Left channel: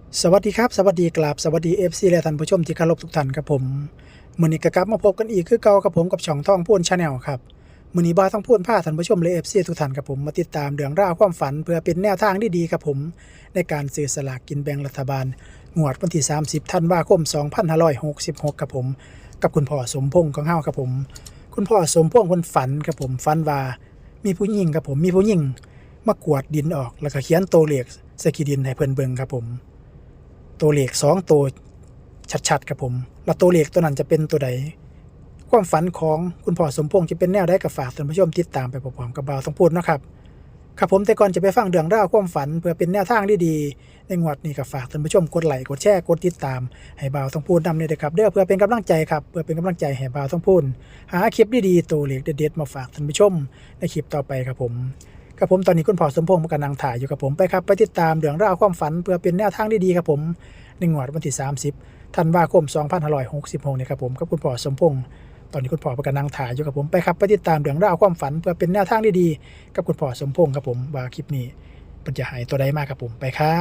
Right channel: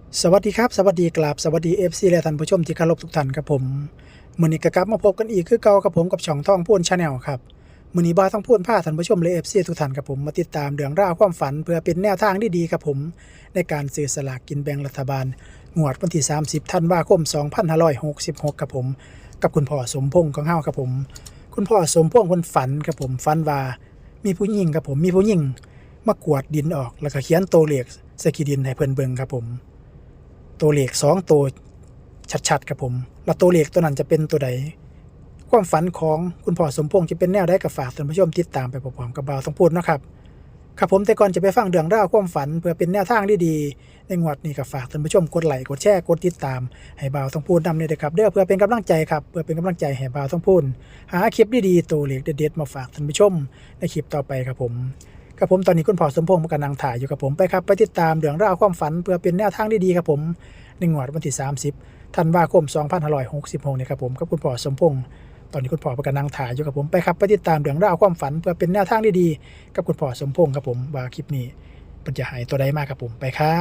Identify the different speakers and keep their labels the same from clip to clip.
Speaker 1: สวัสดีครับสวัสดีกราบสวัสดี FC และท่านผู้ชมที่เคารพทุกท่านครับผมมื้อนี้ก็กลับมาพบกันอีกคือเก่ากับผมกับช่องท่องพูน Channel ครับมื้อนี้บ่าวท่องพูนพาท่านผู้ชมและ FC ทุกท่านครับผมมาติดตามเรื่องราวความฝันเพื่อเป็นแนวทางที่ดีครับผมในการซื้อสลากกินแบ่งรัฐบาลงวดวันที่30ธันวาคม2566ครับผมกับคุณพ่อสมพงษ์ของเฮาครับผมคุณพ่อสมพงษ์เพิ่นฝันครับผมฝันว่ามีผู้หญิงครับผมมีผู้หญิงมากวาดดินออกแล้วก็เขียนตัวเลขใส่ขี้ดินให้เพิ่นเบิ่งครับผม ตัวเลข2ตัวชัดๆครับผมแล้วตัวเลขตัวนั้นจะเป็นตัวใดความฝันของคุณพ่อสมพงษ์จะเป็นแนวใดก็ฝากท่านผู้ชมติดตามไปพร้อมๆกับบ่าวต้องพูดเนาะครับครับผมแต่ก่อนจะไปฟังเรื่องราวความฝันเพื่อเป็นแนวทางที่ดีในงวดนี้ก็ฝากท่านผู้ชมกดไลค์กดแชร์กดติดตามให้บ่าวต้องพูดนำเลยนะครับเด้อเพื่อเป็นกำลังใจครับเพื่อเป็นกำลังใจให้บ่าวต้องพูดหาคลิปดีๆตัวเลขเด็ดๆมาฝากท่านผู้ชมในคลิปต่อไปครับผมครับผมตอนนี้คุณพ่อสมพงษ์กำลังถ่ายอยู่กับผมไปครับไปติดตามเรื่องราวความฝันเพื่อเป็นแนวทางที่ดีครับผมในงวดวันที่30ธันวาคม2566นี่ครับผมกับคุณพ่อสมพงษ์ตอนนี้คุณพ่อกำลังถ่ายอยู่กับผมไปครับไปติดตามเรื่องราวความฝันเพื่อเป็นแนวทางที่ดีกับคุณพ่อสมพงษ์ครับผมว่าคลิปนี้มันจะหายตัวใดมากครับผมไปครับ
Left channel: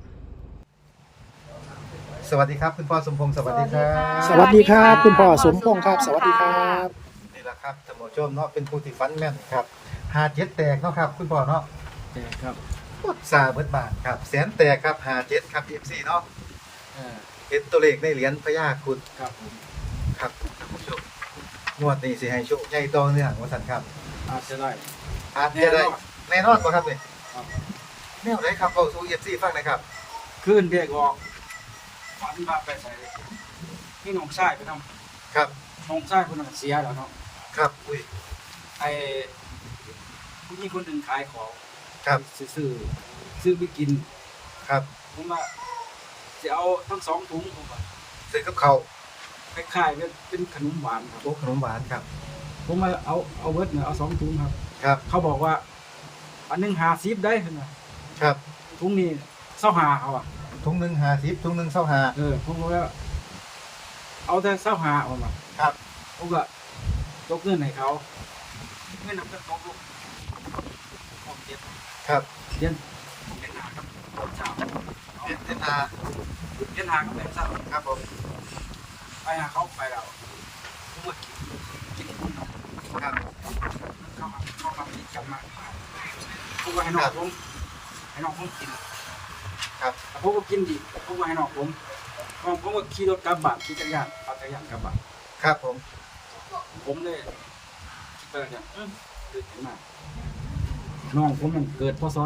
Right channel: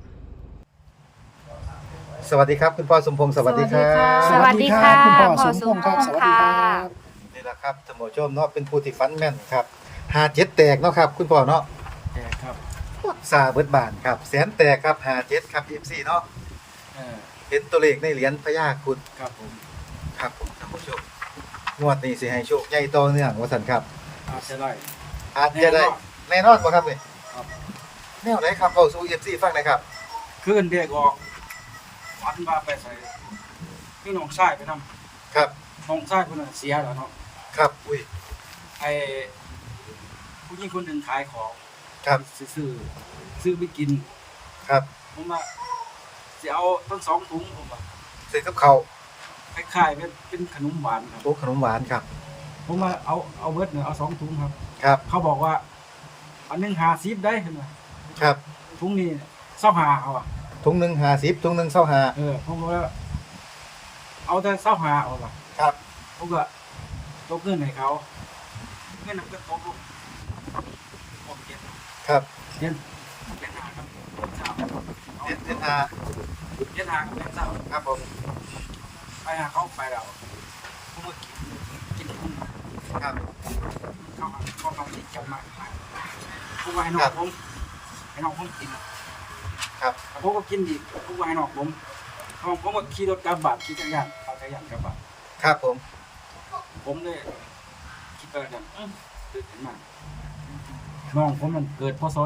Speaker 2: สวัสดีครับคุณพ่อสมพงศ์สวัสดีครั
Speaker 1: ส
Speaker 2: บ
Speaker 1: วัสดีครับ
Speaker 3: สวัสดีค่ะ
Speaker 1: คุณพ่อสมพงษ์ครับสวัสดีครับ
Speaker 2: นี่แหละครับท่านผู้ชมเนาะเป็นผู้ที่ฟันแม่นครับหาเจ็ดแตกเนาะครับคุณพ่อเนาะ
Speaker 4: แจกครับ
Speaker 2: ซาเบิดบานครับแสนแตกครับหาเจ็ดครับFCเนาะ
Speaker 4: เออ
Speaker 2: เห็นตัวเลขในเหรียญพญาครุฑ
Speaker 4: ครับผม
Speaker 2: ครับท่านผู้ชมงวดนี้สิให้โชคใหญ่ต่อเนื่องว่าสันครับ
Speaker 4: อาจจะได้
Speaker 2: อาจจะได้แน่นอนบ่ครับนี่
Speaker 4: ครับ
Speaker 2: แนวไหนครับเข้าสู่ FC ฟังหนะครับ
Speaker 4: ขึ้นเรียกออกฝันว่าไปใส่พี่น้องชายไปท
Speaker 2: ครับ
Speaker 4: ำน้องชายคนนั้นเสียแล้วเนาะ
Speaker 2: ครับอุ้ย
Speaker 4: ไอผู้หญิงคนหนึ่งขายของ
Speaker 2: ครับ
Speaker 4: ซื้อไปกิน
Speaker 2: ครับ
Speaker 4: ผมว่าจะเอาทั้งสองถุงผมว่า
Speaker 2: ซื้อกับเขาว
Speaker 4: คล้ายๆเป็นขนมหวานครับ
Speaker 2: โอ้ขนมหวานครับ
Speaker 4: ผมว่าเอาเบิร์ดเนี่ยเอา2 ถุงครับ
Speaker 2: ครับ
Speaker 4: เขาบอกว่าอันหนึง50ได้เห็นไหม
Speaker 2: ครับ
Speaker 4: ถุงนี้25เอาอ่ะ
Speaker 2: ถุงหนึง50ถุงหนึง25
Speaker 4: ผมว่าเอาแต่25เอาว่ะ
Speaker 2: ครับ
Speaker 4: ผมก็ตกเงินให้เขาเงินนั้นก็ตกลงผมเรียน
Speaker 2: ครับ
Speaker 4: เรียนหาครับเจ้า
Speaker 2: เด็ดนา
Speaker 4: เรียนหากับเจ้า
Speaker 2: ครับผม
Speaker 4: ไปหาเขาไปเราผมก็กินคุณ
Speaker 2: ครับ
Speaker 4: มันเข้ามาคิดกันมากผมก็ให้น้องผมกิน
Speaker 2: ครับ
Speaker 4: แต่ผมก็กินดีผมก็ให้น้องผมก็ขี่รถกลับบ้านขี่จักรยานปั่นจักรยานกลับบ้าน
Speaker 2: ครับผม
Speaker 4: ผมเลยคิดไปกันตื่นขึ้นมาน้องผมมันเกิดพศ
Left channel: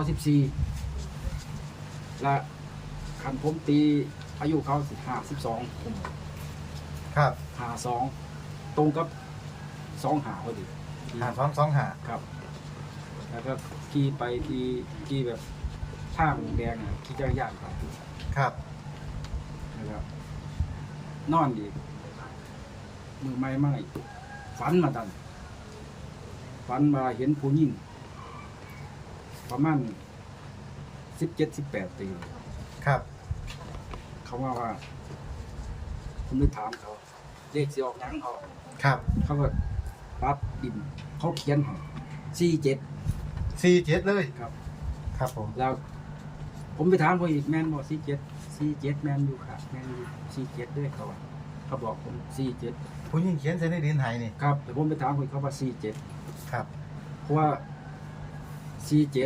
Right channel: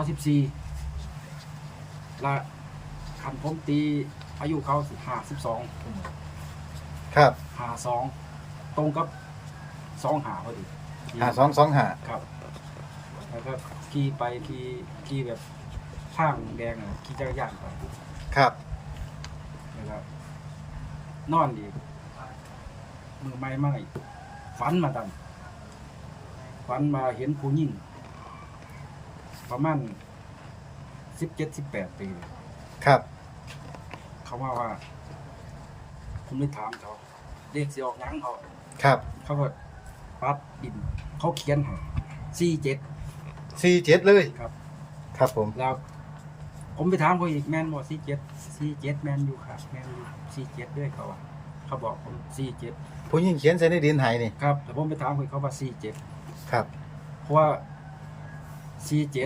Speaker 4: 14และคันผมตีอายุเขา52ผม
Speaker 2: ครับ
Speaker 4: 52ตรงกับ25พอดี
Speaker 2: 5225
Speaker 4: ครับ แล้วก็ขี่ไปขี่แบบทางแดงอ่ะขี่จักรยานไป
Speaker 2: ครับ
Speaker 4: นะครับนอนดีมือไม้มาอีกฝันมาตันฝันมาเห็นผู้หญิงประมาณ17-18 ปีเลย
Speaker 2: ครับ
Speaker 4: เขามาว่า ผมเลยถามเขาเลขสิออกหยังเขา
Speaker 2: ครับ
Speaker 4: เขาก็ปัดดิน เขาเขียนให้47
Speaker 2: 47เลย
Speaker 4: ครับ
Speaker 2: ครับผม
Speaker 4: แล้ว ผมไปถามเขาอีกแมนบอก47แมนอยู่ครับแมนอยู่47ด้วยเขาว่าเขาบอกผม47
Speaker 2: ผู้หญิงเขียนใส่ในดินไหนี่
Speaker 4: ครับแต่ผมไปถามเขาว่า47
Speaker 2: ครับ
Speaker 4: เพราะว่า47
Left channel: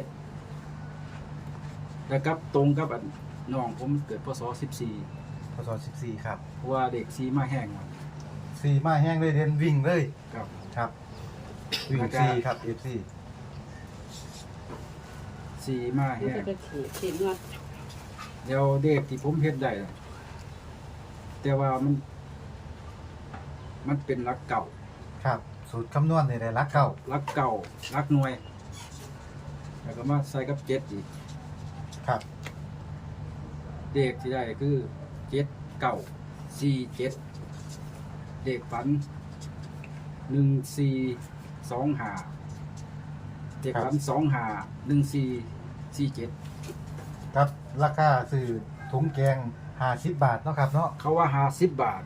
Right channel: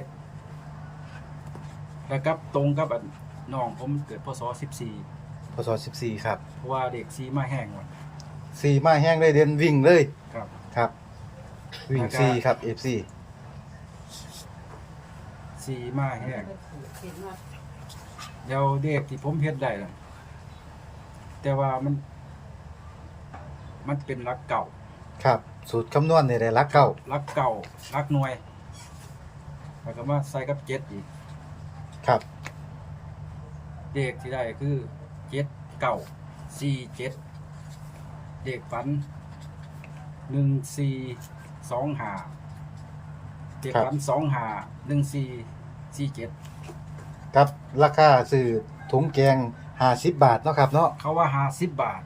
Speaker 4: แล้วกับตรงกับอันน้องผมเกิดพศ14
Speaker 2: พศ14ครับ
Speaker 4: เพราะว่าเด็กซีมาแห้งวัน
Speaker 2: 4มาแห้งเลยเดินวิ่งเลย
Speaker 4: ครับ
Speaker 2: ครับวิ่ง
Speaker 4: แล้วก็
Speaker 2: 4ครับ FC
Speaker 4: ซีมาแห้งแล้วเด็กที่ผมเฮ็ดได้ล่ะแต่ว่ามันเป็นรักเก่า
Speaker 2: ครับ สูตรคำนวณนี่ได้รักเก่า
Speaker 4: รักเก่ารักหน่วย แล้วก็มาใส่กับ7อีก
Speaker 2: ครับ
Speaker 4: เด็กที่ได้คือ7 9 4 7เด็กฝัน1 4 2 5เด็กฝัน2 5 1 4 4 7
Speaker 2: ครับราคาซื้อถุงแกง50บาทเนาะครับเนาะ
Speaker 4: เขาว่า50 บาท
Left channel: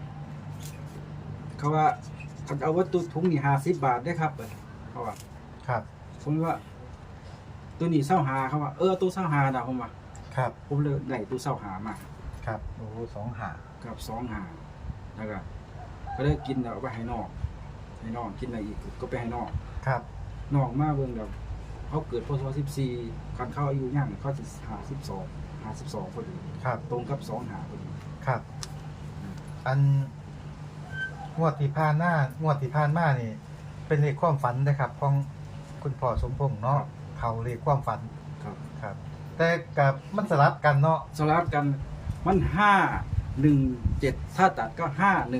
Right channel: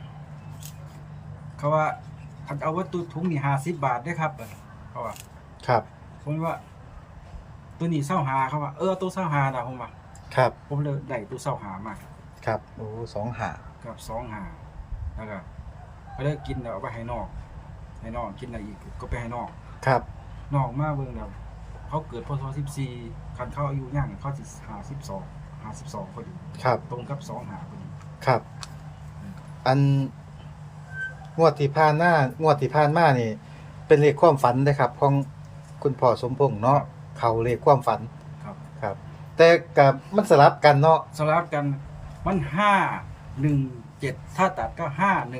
Speaker 4: เขาว่าคันเอาวัตถุถุงนี่50 บาทได้ครับเขาว่า
Speaker 2: ครับ
Speaker 4: ผมว่าตัวนี้25เขาว่าตัว25นะผมว่า
Speaker 2: ครับ
Speaker 4: ผมเลยได้ตู้เศร้าหามา
Speaker 2: ครับโอ้2 หา
Speaker 4: กับ2หาแล้วก็เลยกินแล้วเอาไปให้น้องกินอะไรอีกก็ไปให้น้อง
Speaker 2: ครับ
Speaker 4: น้องมาเบิ่งแล้วเขาเกิดพศ14คันเขาอายุย่างเขาสิ52พอดี
Speaker 2: ครับ
Speaker 4: ตรงกับ2หาพอดี
Speaker 2: ครับ อันงวดที่ผ่านมานี่ เป็นเลขความฝันนะครับของคุณพ่อสมพงษ์เนาะเขาเลขความฝัน
Speaker 4: ครับ
Speaker 2: ครับ แต่กับมันสลับกันเนาะ
Speaker 4: สลับกันมัน517ถ้าตัดก็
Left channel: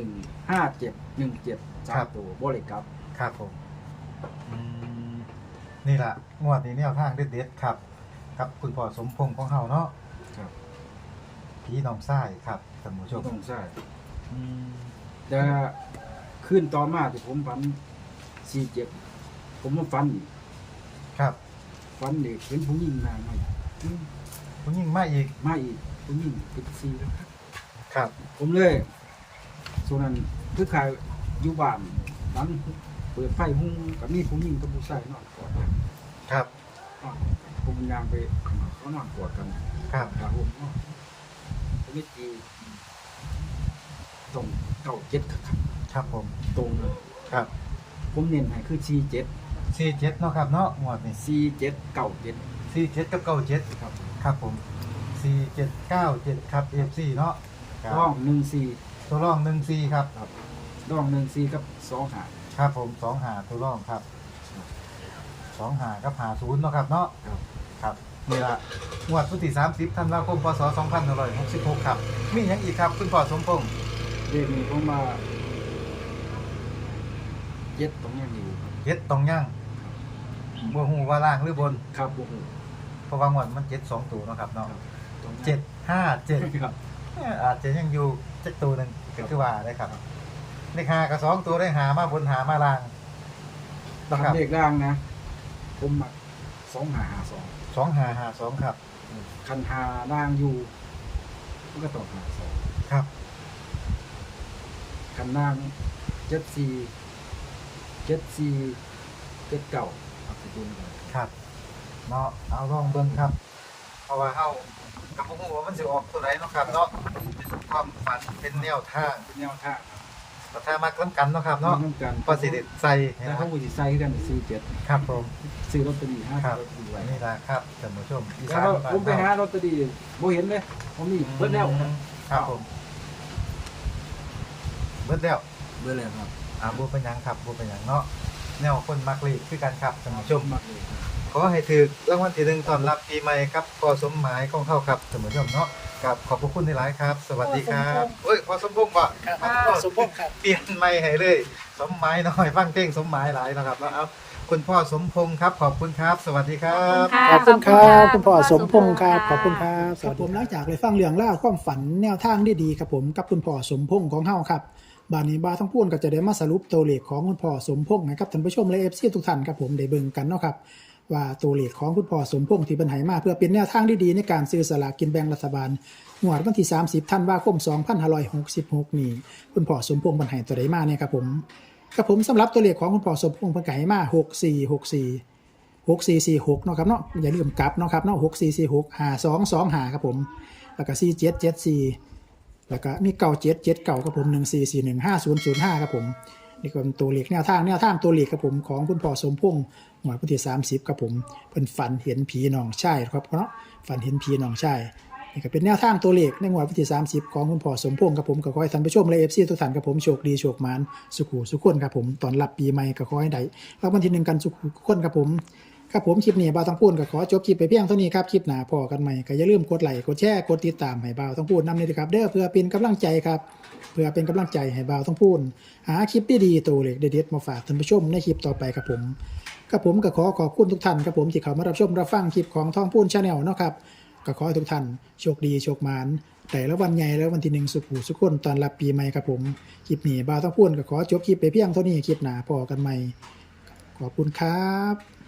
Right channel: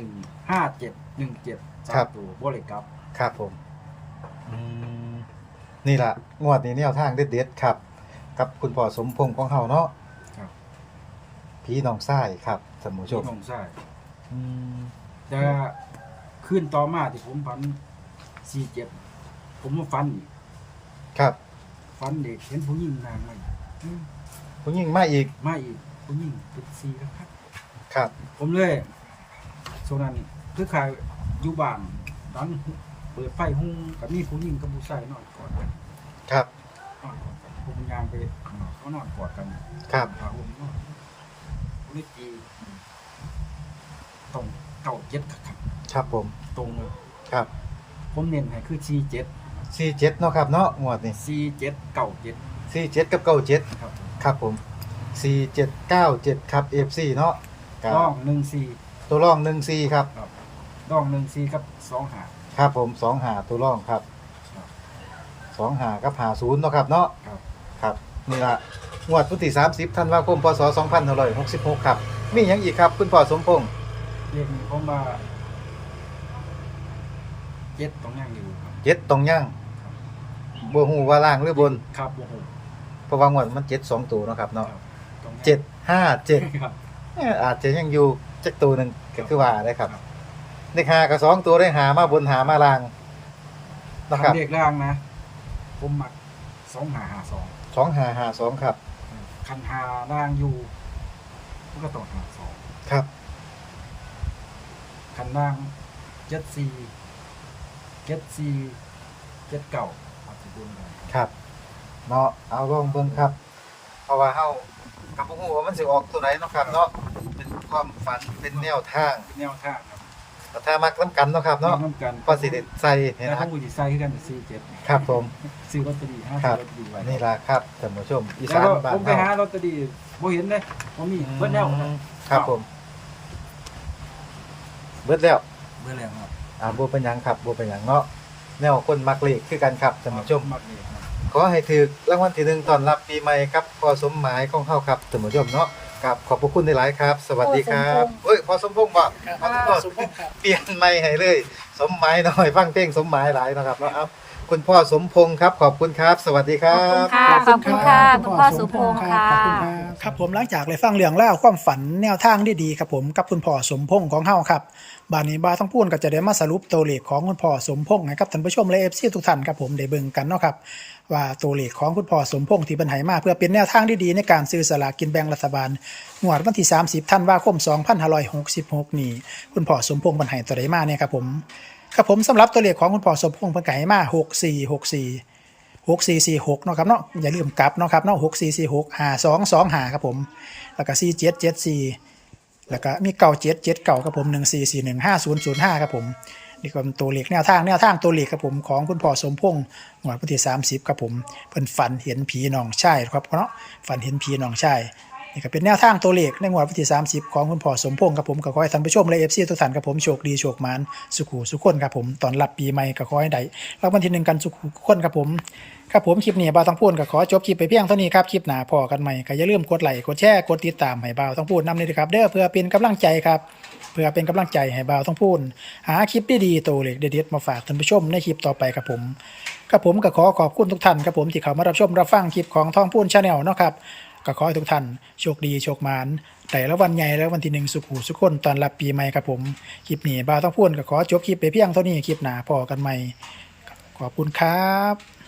Speaker 4: 515717 3ตัวบ่เลยกลับ
Speaker 2: ครับผมอืมนี่ล่ะงวดนี้แนวทางเด็ดๆครับ กับคุณพ่อสมพงษ์ของเฮาเนาะ
Speaker 4: ครับ
Speaker 2: พี่น้องชายครับท่านผู้ช
Speaker 4: ที่
Speaker 2: ม
Speaker 4: น้องชาย
Speaker 2: อืม
Speaker 4: แต่ขึ้นต่อมาที่ผมฝัน47ผมมาฝันอีก
Speaker 2: ครับ
Speaker 4: ฝันเด็กเห็นผู้หญิงนางมาอีก
Speaker 2: ผู้หญิงมาอีก
Speaker 4: มาอีกผู้หญิงเป็น4แล้วครับ
Speaker 2: ครับ
Speaker 4: ผมเลยช่วงนั้นคือขายอยู่บ้านนั้นเปิดไฟหุ้งกับมีผู้หญิงกับผู้ชายนอนกอดกัน
Speaker 2: ครับ
Speaker 4: นอนกอดกันผมยางไปข้างนอกเขานอนกอดกัน
Speaker 2: ครับ
Speaker 4: พาผมนอนผมเลยตีตรง97ครับ
Speaker 2: ครับผม
Speaker 4: ตรงเลย
Speaker 2: ครับ
Speaker 4: ผมเน้นให้คือ47
Speaker 2: 47เนาะครับเนาะงวดนี้
Speaker 4: 4797
Speaker 2: 47กับ97
Speaker 4: ครับผม
Speaker 2: ครับผม4797ครับ FC เนาะครับ
Speaker 4: ร่อง14
Speaker 2: ตัวร่อง14ครับ
Speaker 4: ครับร่อง14กับ2หา
Speaker 2: ครับผม2หาตัวร่องครับ
Speaker 4: ครับ
Speaker 2: 2หากับ50เนาะครับเนาะ
Speaker 4: ครับ
Speaker 2: ครับนี่ล่ะงวดวันที่30ธันวาคมพศ2566ครับมีหยังอีกครับคุณพ่อสมพงษ์
Speaker 4: เรื่องนี้ผมว่า7ต้องย่างอยู่ครับ
Speaker 2: เจ็ดตรงย่าง
Speaker 4: ครับ
Speaker 2: บ่ฮู้ว่าล่างหรือบน
Speaker 4: ครับโอ้โห
Speaker 2: เพราะว่างวดมัน7 2ตัวเนาะครับเนาะ
Speaker 4: ครับต้องย่าง
Speaker 2: 757
Speaker 4: ครับ
Speaker 2: อาจจะยังอยู่จักตัวหนึง
Speaker 4: ครั
Speaker 2: ก็
Speaker 4: บ
Speaker 2: คือว่าได้ครับ
Speaker 4: ครับ
Speaker 2: เลข5กับ2ตัวได้หามาบนหามาล่างนะครับ
Speaker 4: ทำเด็กล่างนะ ผมหมัก2552
Speaker 2: 2552ครับ
Speaker 4: คันหาล่างอยู่มันก็ต้องหา2
Speaker 2: ครับ
Speaker 4: คันล่าง74เอาสิบุญกัน
Speaker 2: ครับเนาะเอาลองเบิ่งครับ เพราะว่าเฮาก็บ่ฮู้ว่ามันสิออกตัวไหนเนาะครับเนาะเป็นความฝันเป็นแนวทาง
Speaker 4: เป็นแนวทางครับ
Speaker 2: แต่ถ้ามักนํกันเนาะครับเนาะ
Speaker 4: น้ำกัน
Speaker 2: ก็สิได้ใส่เห็น
Speaker 4: แต่
Speaker 2: ค
Speaker 4: ผ
Speaker 2: รับ
Speaker 4: มก็สิใส่คือกัน47
Speaker 2: ครับผม
Speaker 4: ซื้อลอตเตอรี่5
Speaker 2: ครับ
Speaker 4: ซื้อลอตเตอรี่ไว้
Speaker 2: นี่ล่ะครับท่านผู้ชมอี
Speaker 4: แล้
Speaker 2: สา
Speaker 4: วน ก็
Speaker 2: บ้น
Speaker 4: ผมไปหาลอตเตอรี่บ่เห็นเลยบ่มีเบิดแล้วครับ
Speaker 2: ครับผมเบิดแล้ว
Speaker 4: เบิดแล้วครับ
Speaker 2: บ่เป็นหยังครับบ่เป็นหยังเนาะแนวคนมักเลขคือกันครับท่านผู้ชม
Speaker 4: มากเลยครับ
Speaker 2: ขอให้ถือรางวัลที่1ต้อนรับปีใหม่ครับพอสมหมายของเฮาครับท่านผู้ชมเนาะครับขอบพระคุณหลายๆครับ สวัสดีครับเอ้ยพอสมพงษ์ก่อนพ่อสมพงษ์ครับเปลี่ยนใหม่ให้เลย สมหมายหน่อยฟังเพลงสมหมายหลายนะครับเนาะครับคุณพ่อสมพงษ์ครับขอบคุณครับ สวัสดีครับ
Speaker 1: ขอบคุณครับคุณพ่อสมพงษ์ครับขอบคุณครับครับผมหลังจากเลยฟังเรื่องเล่าวความฝันแนวทางดีๆครับผมกับคุณพ่อสมพงษ์ของเฮาครับบานนี้บาทั้งพูนก็จะได้มาสรุปตัวเลขของคุณพ่อสมพงษ์ให้กับท่านผู้ชมและ FC ทุกท่านครับผมได้เบิ่งกันเนาะครับว่าตัวเลขของคุณพ่อสมพงษ์ที่เพิ่นให้มาเพื่อเป็นแนวทางดีๆในการซื้อสลากกินแบ่งรัฐบาลงวดวันที่30ธันวาคม2566นี้คุณพ่อสมพงษ์เพิ่นให้ตัวใดมาเนี่ยครับผมครับผมสำหรับตัวเลขของคุณพ่อสมพงษ์เพิ่นก็ให้มา6446เนาะครับเนาะอย่าลืมกลับเนาะครับเนาะ64465225ครับผมแล้วก็4774แล้วก็มี9779ครับผม14415005ครับผมนี่ก็เป็นตัวเลขแนวทางตัวเลขครับผมของคุณพ่อสมพงษ์งวดวันที่30ครับผมเพิ่นฝันเห็นผีน้องชายครับเนาะฝันเห็นผีน้องชายนี่ก็เป็นแนวทางตัวเลขในงวดวันที่30ของคุณพ่อสมพงษ์ครับผมก็ขอให้ท่านผู้ชมและ FC ทุกท่านครับผมโชคดีโชคหมานสุขุสุขคนครับผมตอนรับปีใหม่ก็ขอให้ได้รางวัลที่1กันสุขุสุขคนครับผมครับผมคลิปนี้บ่าวต้องพูดก็ขอจบคลิปไปเพียงเท่านี้ครับคลิปหน้าพอกันใหม่ก็อย่าลืมกดไลค์กดแชร์กดติดตามให้บ่าวต้องพูดนำเลยนะครับเด้อเพื่อเป็นกำลังใจครับเพื่อเป็นกำลังใจให้บ่าวต้องพูดหาคลิปดีๆตัวเลขเด็ดๆมาฝากท่านผู้ชมในคลิปต่อไปครับผมก็ขอขอบคุณทุกท่านครับผมที่เข้ามารับชมรับฟังคลิปของท่องพูน Channel เนาะครับก็ขอให้ทุกท่านโชคดีโชคหมานแต่ละวันใหญ่และวันที่1สุขุสุขคนตอนรับปีใหม่ครับผมคลิปนี้บ่าวต้องพูดก็ขอจบคลิปไปเพียงเท่านี้คลิปหน้าพอกันใหม่ขอบคุณครับ